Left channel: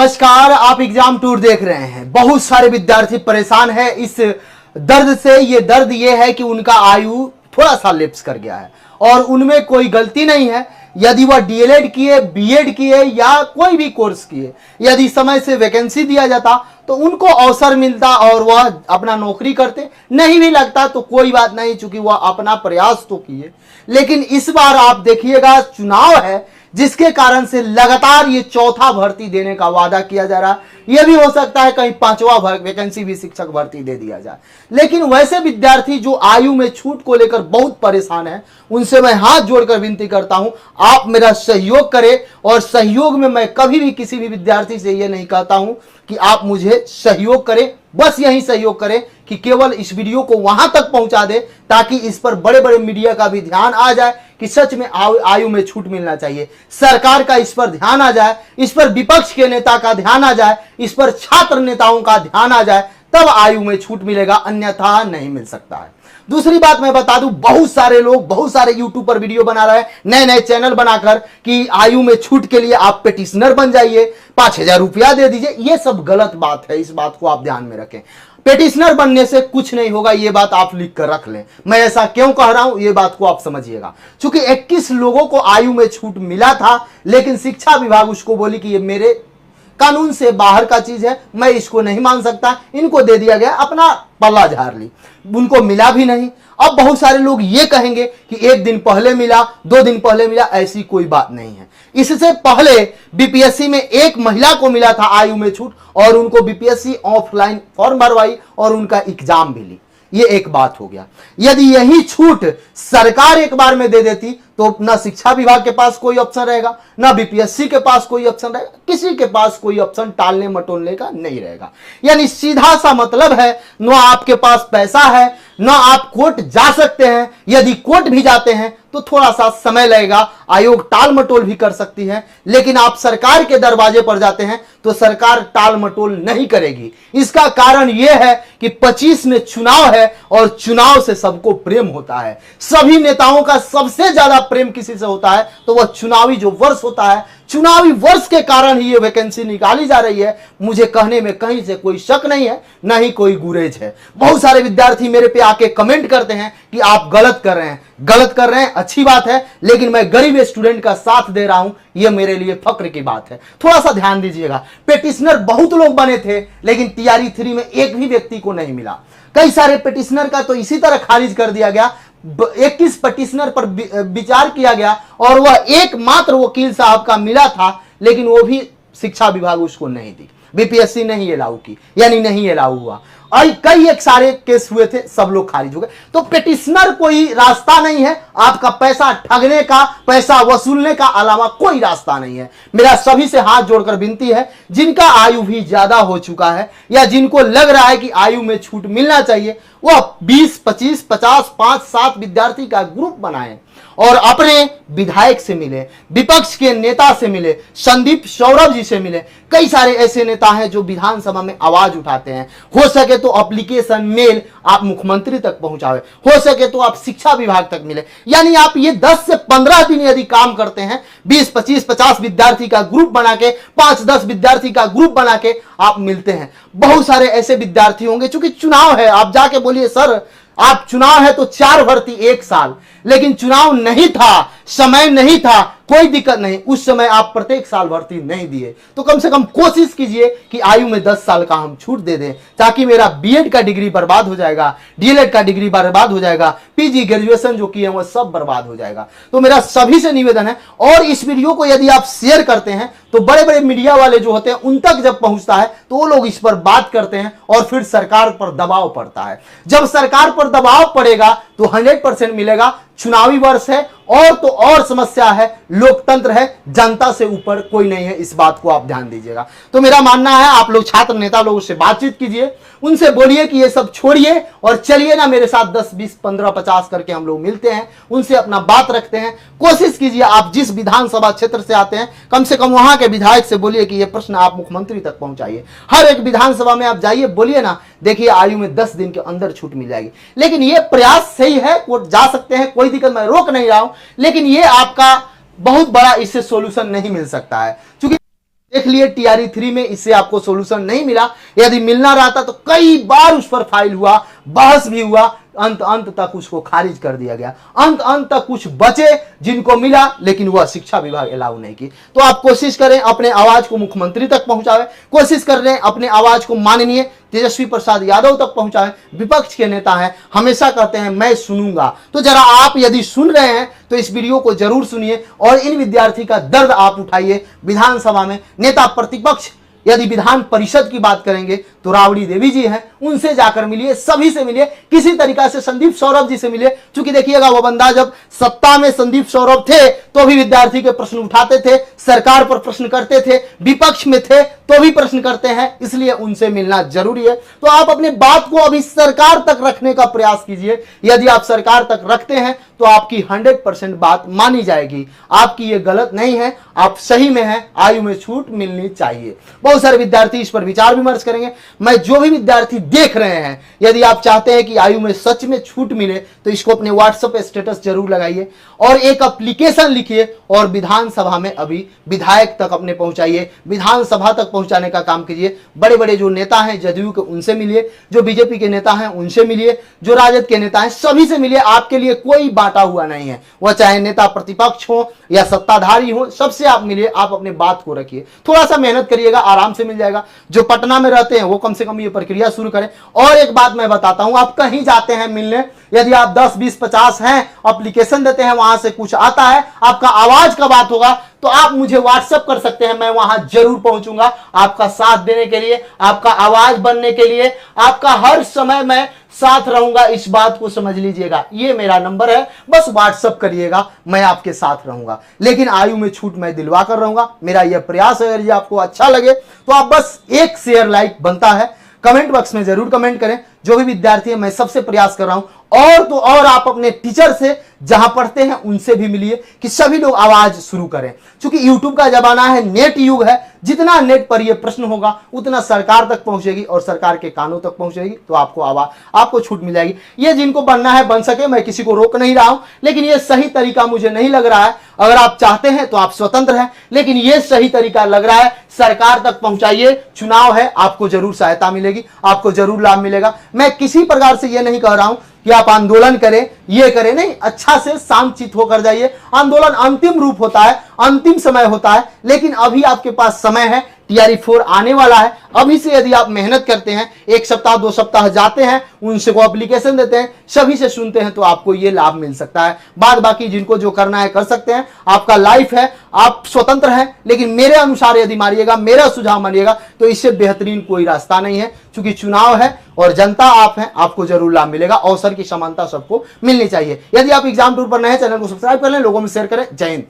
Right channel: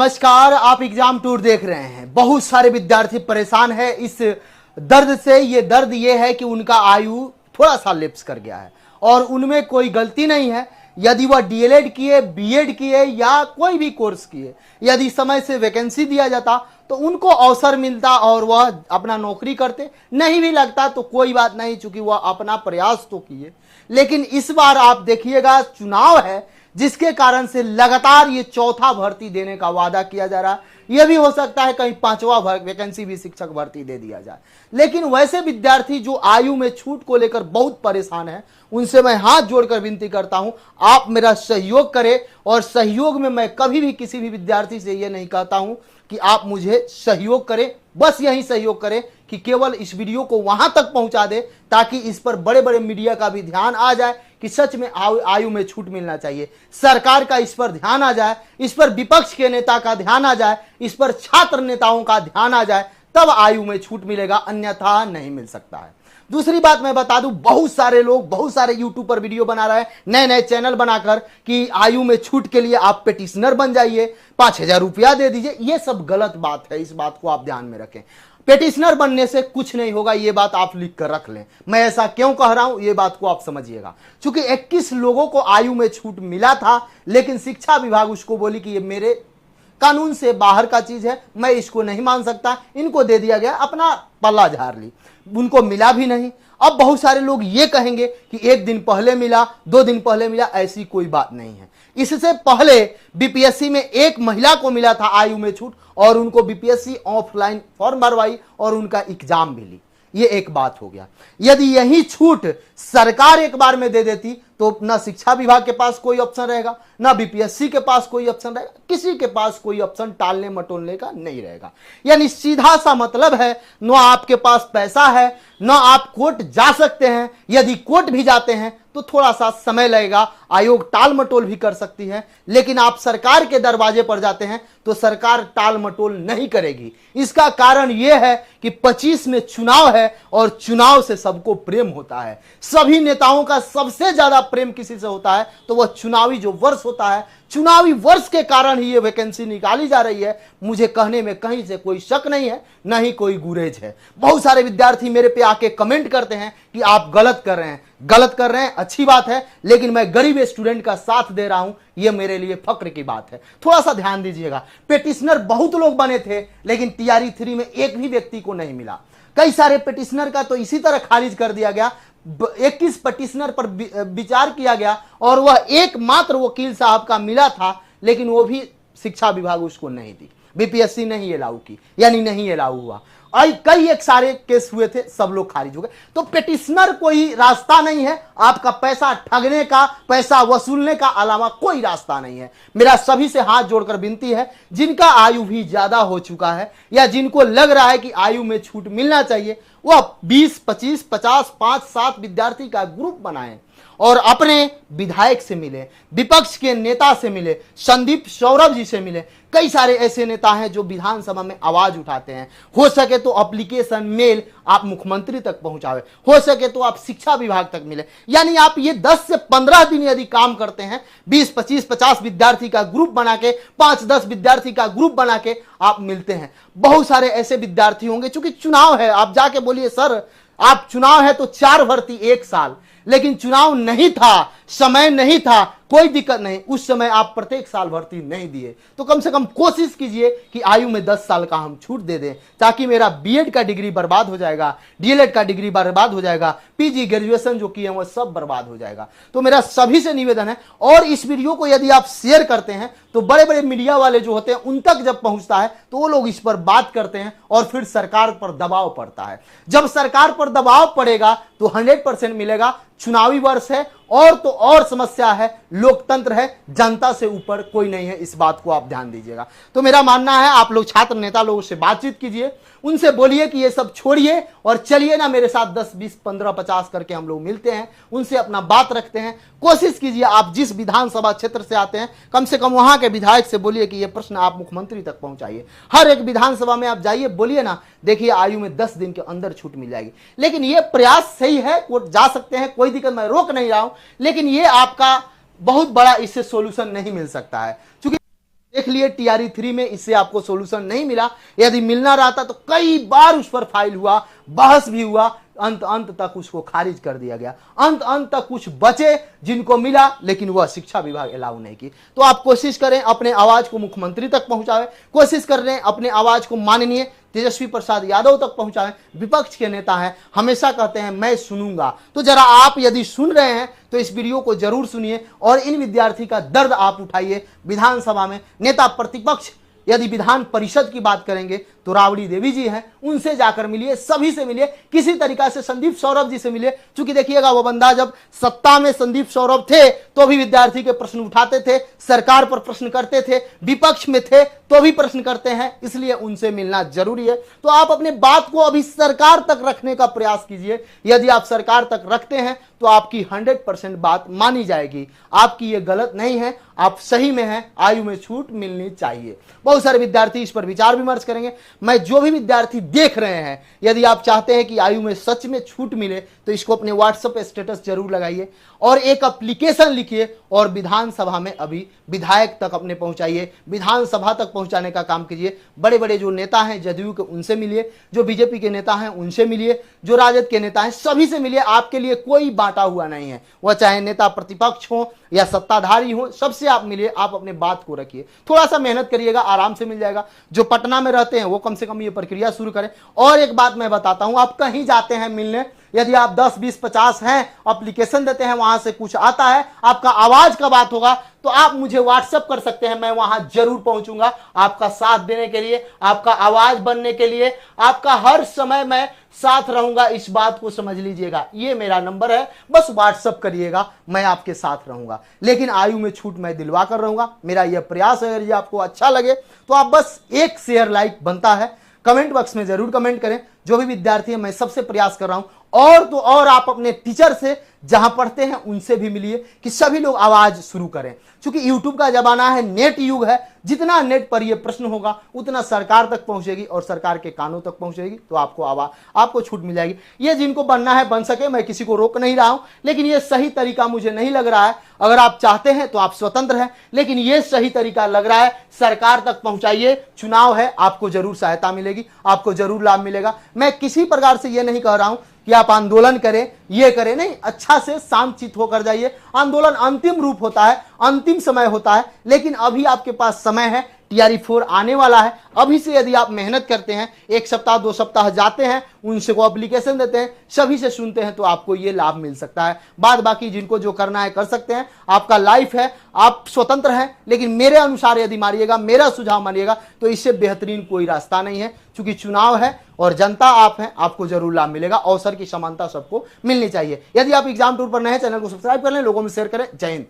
नमस्कार, आप exam tour देख रहे हैं। बहुत सारे विद्यार्थी परेशान हैं इस दर्द से। ये दर्द ये है कि उनका आयु थोड़ा सा लैप्स कर गया है और उनमें कोई गलती नहीं है। यदि वह डीएलएड किए, बीएड किए या कोई भी कोर्स किए, यदि समय से वैकेंसी दिया जाता तो उनको अवसर मिलता और वह अपना नौकरी करते। नहीं भी लगता तो कोई बात नहीं, चूंकि वह अपना प्रयास तो किए। लेकिन इस बार आप देखिएगा, चुनाव है जिसके कारण से लगातार ये चौथा भर्ती देने का वादा किया जा रहा है। यह भी हो सकता है कहीं पांचवा वैकेंसी भी शिक्षक भर्ती दे दिया जाए। लेकिन वैसे विद्यार्थी जो आयु में छूट को लेकर बहुत परेशान है, उनसे मैं हाथ जोड़कर विनती करता हूं, आप मेरा सहयोग करें। और सहयोग में मैं कभी भी किसी भी विद्यार्थी से यह नहीं कहता हूं कि आप मुझे सहयोग करें, बस यही सहयोग करें कि केवल इस वीडियो को वहां तक पहुंचा दे ताकि इस पर बड़े बड़े मीडिया का भी ध्यान आ जाए कि सच में आयु में छूट मिलना चाहिए। सरकार का इस पर ध्यान आ जाए, इस पर विपक्ष के नेता का ध्यान आ जाए, इस पर छात्र नेताओं का ध्यान आ जाए, तब आयु में छूट मिलेगा, अन्यथा नहीं मिल सकता है। दूसरी बात मैं बता दूं, बहुत सारे लोग, बहुत सारे यूट्यूब पर वीडियो बना रहे हैं, नए नए चैनल बनाकर कि आयु में छूट के लिए आप पेटिशनर बन जाइए, 5,000 रुपया दे दीजिए। ये सब गलत बात है, इस बात को आप ध्यान में रखें। पेटिशनर बनने से कुछ नहीं होगा, ये बात आप लिख कर रख लें। मैं ऐसा क्यों कह रहा हूं, ये बात को आप समझिएगा। क्योंकि 21 लोगों को आयु में छूट मिला था, लेकिन शिक्षा विभाग उसको बोली कि ये मेरे कानून से बाहर का चीज है, मैं इसको नहीं मान सकता, इनको दे दिया गया, अपना पल्ला झाड़ ली, उनको मिला भी नहीं। अब बहुत सारे लोग ये कहेंगे कि 1 दिन पहले मिला, 2 दिन पहले मिला, ऐसी कोई बात नहीं है। इससे पहले बीपीएससी में एक महिला को मिला था आयु में छूट और उनको बीपीएससी ऑफलाइन फॉर्म भरवाई और उनका एग्जाम भी ली। ये एक बात हो गया। यदि यही छूट सरकार एक बार में दे देती तो ना शिक्षा विभाग के पास कोई ऑप्शन रहेगा, ना बीपीएससी के पास कोई ऑप्शन रहेगा, किसी के पास कोई ऑप्शन टालने मटोलने का नहीं रहेगा। यानी सीधा सा मतलब है, ना आपके पास पैसा है, ना आप कोर्ट जा सकते हैं। यदि कोर्ट भी जाते हैं तो थोड़ा सा समय लगेगा, आयोग टाल मटोल भी कर सकती है। लेकिन आप सरकार के दरवाजे पर जाते हैं तो सरकार टाल मटोल नहीं करेगी। इसका कारण यह है कि 25 में चुनाव है और चुनाव से सबको प्रेम होता है। सभी नेताओं का सबसे ज्यादा प्रेम किसी से होता है तो वह चुनावी जो वर्ष होता है, चुनावी वर्ष के कारण ही ये वैकेंसी निकाली जा रही है। मुझे कहने में कहीं से कोई शक नहीं है, ना ही कोई गुरेज है। बहुत सारे विद्यार्थी मेरे पे आके कमेंट करते हैं कि आप गलत कर रहे हैं, गलत कर रहे हैं, अच्छी बात है, लेकिन मैं गरीब स्टूडेंट का साथ दे रहा हूं, यह मेरे लिए फक्र की बात है। थोड़ा सा ध्यान दीजिएगा। पेटिशनर बहुत लोग बने थे, लेकिन टीआरई 3 में एक भी व्यक्ति को नहीं मिला। कई सारे पेटिशनर का तो इसी तरह खारिज कर दिया गया। 21 पेटिशनर पर विचार किया गया और वह एकमात्र वकील साहब का मिला था, लेकिन वो भी शिक्षा विभाग उसको नहीं दी, बीपीएससी नहीं अलाउ की, यानी नहीं अलाउ हुआ। और कई एक सारे केस हुए थे, सब लोग खारिज हो गए। तो पेटिशनर कोई रास्ता नहीं है, आपका पैसा ठगने का, पैसा वसूलने का अलावा कोई रास्ता नहीं है। मेरा सभी से हाथ जोड़कर विनती है, जिनका आयु भी ज्यादा हो चुका है या जिनको लग रहा है कि आयु में छूट मिलना चाहिए, वह 20, 25, 50, 5, 7 विद्यार्थी का ग्रुप बनाएं और अपने विधायक से मिले, विपक्ष के नेता से मिले, संदीप सौरभ जी से मिले। कई सारे ऐसे नेता हैं जो विधानसभा में आवाज उठाते हैं। हो सके तो एप्लीकेशन मेल आप मुख्यमंत्री तक पहुंचावे, हो सके तो आप शिक्षा विभाग तक मिले। यानी आप ये 10 से 15 दिन यदि काम करते हैं, 20, 25, 50 विद्यार्थी का ग्रुप बना के, 5-10 विद्यार्थी का ग्रुप बना के आप मिलते हैं। बहुत सारे ऐसे विद्यार्थी होंगे, चूंकि चुनाव है, आप जाके बोलिए सर आप चुनाव है तो 4 भर्ती 1 साल, लेकिन चुनाव नहीं था, समय नहीं था, कोई दिक्कत नहीं, उस समय आप प्रत्येक साल भर्ती नहीं दिए तो कम से कम कोशिश कीजिए कि आयु में 10 साल का हम छूट दे दें, ताकि मेरा बीएड का डिग्री बर्बाद हो जाएगा, डीएलएड का डिग्री बर्बाद हो जाएगा, पीजी ग्रेजुएशन जो किए वो सब बर्बाद हो जाएगा। तो मेरा सभी से निवेदन है, और इस वीडियो को यदि आप शेयर करते हैं तो बड़े बड़े मीडिया वाले जो होते हैं उन तक जब पहुंचता है तो वो लोग इस पर बात करते हैं और फिर सरकार पर दबाव पड़ता है। जब सरकार पर दबाव पड़ेगा तो 100% मिलेगा। चुनावी वर्ष है और तो और समस्या है, लोकतंत्र है, जनता से ऊपर कोई नहीं है, इस बात को आप ध्यान दीजिएगा। तो मेरा मानना है आप लोग छात्र नेता लोगों से बातचीत कीजिए, उनसे बोलिए कि ये सब छोड़िए और चलिए ना मेरे साथ 10, 20, 15, 50 करके हम लोग मिलते हैं, उनसे अपना बात रखते हैं। कोशिश कीजिए आप जिस विधानसभा क्षेत्र से आते हैं, कम से कम वहां के विधायक से बोलिए कि ये प्रश्न आप मुख्यमंत्री तक पहुंचाइए। हर एक विधानसभा में आप जाइए, बोलिए ना, देखिए आयु में 10 दिन के अंदर छूट मिल जाएगी। लेकिन ये प्रयास सही है, कोर्ट जा सकते हैं, कोई दिक्कत, मैं रोक नहीं रहा हूं, लेकिन ये आपका बहुत बड़ा इससे सॉल्यूशन नहीं मिल सकता है। क्योंकि देख लिए टीआरई 3 में इससे आपको सॉल्यूशन नहीं मिला। यदि मिलना रहता तो कई बार उस पर फाइल हुआ, बहस भी हुआ, अंत तक उसको खारिज कर दिया गया। अंत तक कुछ बचे जिनको मिला, लेकिन वह शिक्षा विभाग अलाउ नहीं की। तो आप कोशिश करें अपने आवाज को मुख्यमंत्री तक पहुंचावे, कोशिश कर रहे हैं अपने आवाज को माननीय तेजस्वी प्रसाद यादव तक पहुंचाएं। विपक्ष के नेता हैं, हमेशा कहते हैं मैं सुनूंगा, तो जरा आप यदि सुन रहे हैं तो इस वीडियो को जरूर सुनिए और इन विद्यार्थी का दर्द आप उठाइए। विधानसभा में नेता प्रतिपक्ष यदि विधान परिषद की बात करेंगे तो राबड़ी देवी जी हैं, उनसे जाकर मिलिए, सभी से मिलिए, किसी तरीका से संदीप सौरभ जी से मिलिए। क्योंकि देखिएगा वो बंदा जब सत्ता में संदीप सौरभ थे तो भी विद्यार्थी के प्रश्न उठाते थे, सरकार पर प्रश्न करते थे, विपक्ष में थे तो भी प्रश्न करते हैं, इसलिए उनसे मिलना जरूरी है। तो आप अपने बात को अभी सरकार तक रखने का प्रयास कीजिए। यदि आप सरकार तक रखते हैं तो आपकी 100% बात मानी जाएगी। आपकी ये गलत नहीं है, आप सही में हैं, आयु में छूट मिलनी चाहिए। बहुत सारे विद्यार्थी इस पर विचार विमर्श करेंगे। मैं जो भी विद्यार्थी देख रहे हैं, यदि आप चाहते हैं कि आयु में सच में छूट मिले तो इसको अपने व्हाट्सएप स्टेटस जरूर लगाइए और एक एप्लीकेशन लिखिए और विधानसभा में अभी विधायक तक अपने पहुंचाइए, विधानसभा तक पहुंचाने का काम कीजिए। बड़े बड़े जो नेता हैं जदयू के, उनसे मिलिए, जो बीजेपी के नेता हैं उनसे मिलिए, जो राजद के नेता हैं सभी से मिलिए। आपके लिए कोई बांटा हुआ नहीं है, वह चाहे नेता प्रतिपक्ष हो या सत्ताधारी हो, सबसे आप मिलिए, आप अपने बात को रखिए। थोड़ा सा मेहनत करिएगा, आराम से मिल जाएगा। जो पटना में रहते हैं वो कम से कम ये प्रक्रिया शुरू करें। और एक बात मैं बताता हूं, आप कहीं जाते हैं मिलने, यदि आप 10, 20, 50 हैं, एप्लीकेशन देते हैं, वहां से कुछ आता है, आपका आवाज का बात होगा तो आप मुझे व्हाट्सएप कर सकते हैं, मैं वहां जरूर पहुंचूंगा आपका साथ देने के लिए, आपका आवाज बनने के लिए, आपका हर समय मैं साथ रहूंगा। इस बात को समझ लीजिएगा, ये मेरा नंबर है, बस व्हाट्सएप करिएगा, मैं आपके साथ रहूंगा। लेकिन आयु में छूट मैं दिलवा कर रहूंगा, मेरा यह प्रयास है। यदि आपको अच्छा लगे तो आप बस एक शेयर लाइक बनता है, कमेंट बॉक्स में जरूर कमेंट करें। जो भी विद्यार्थी है, मैं सबसे प्रयास कर रहा हूं। और तो और आप अपने टीचर से जहां पढ़ते हैं उनसे भी मिलिए कि सभी लोग आवाज शुरू करें। क्योंकि यूट्यूब का जमाना है, नेट युग है, जितना नेट पर यह प्रश्न होगा उतना सरकार तक पहुंचेगी और सरकार के कानों तक पहुंचेगी तो आपको छूट मिल जाएगी। ये जिनको बनना है बन सके, मैं किसी को रोक नहीं रहा हूं, लेकिन ये सही तरीका मुझे नहीं लग रहा है। अगर आप चाहते हैं तो आप स्वतंत्र हैं, लेकिन ये सही तरीका लग रहा है, सरकार तक पहुंचाइए। चुनाव है, आपको जरूर सहायता मिलेगी, आपको जरूर लाभ मिलेगा। मैं किसी प्रकार से ये नहीं कह रहा हूं कि आप आंदोलन करें, ये करें, नहीं, अच्छा से शांतचित्त होकर जाइए। आंदोलन अंतिम रूप होता है, अंतिम समय होता है, लेकिन अभी आपके पास समय है। टीआरई 4 आने वाला है, अभी से यदि आप मेहनत करते हैं, 1 सप्ताह 2 सप्ताह जाते हैं, उनसे को एप्लीकेशन देते हैं, सभी से सुनते हैं, तो आपको ये लाभ मिल सकता है। बाद बाकी जिनको जो करना है कर सकते हैं, आपका लाइफ है, आप स्वतंत्र हैं। लेकिन मेरे अनुसार यदि मानिएगा, मेरा सुझाव मानिएगा, तो इससे बेहतरीन कोई रास्ता नहीं है। क्योंकि चुनाव है और जनता आप हैं, आपको जरूर लाभ मिलेगा। अवसर की समानता सबको मिलनी चाहिए। यदि आप एग्जाम टूर पर नए हैं, चैनल को सब्सक्राइब कर लें, लोगों में शेयर करें। जय हिंद।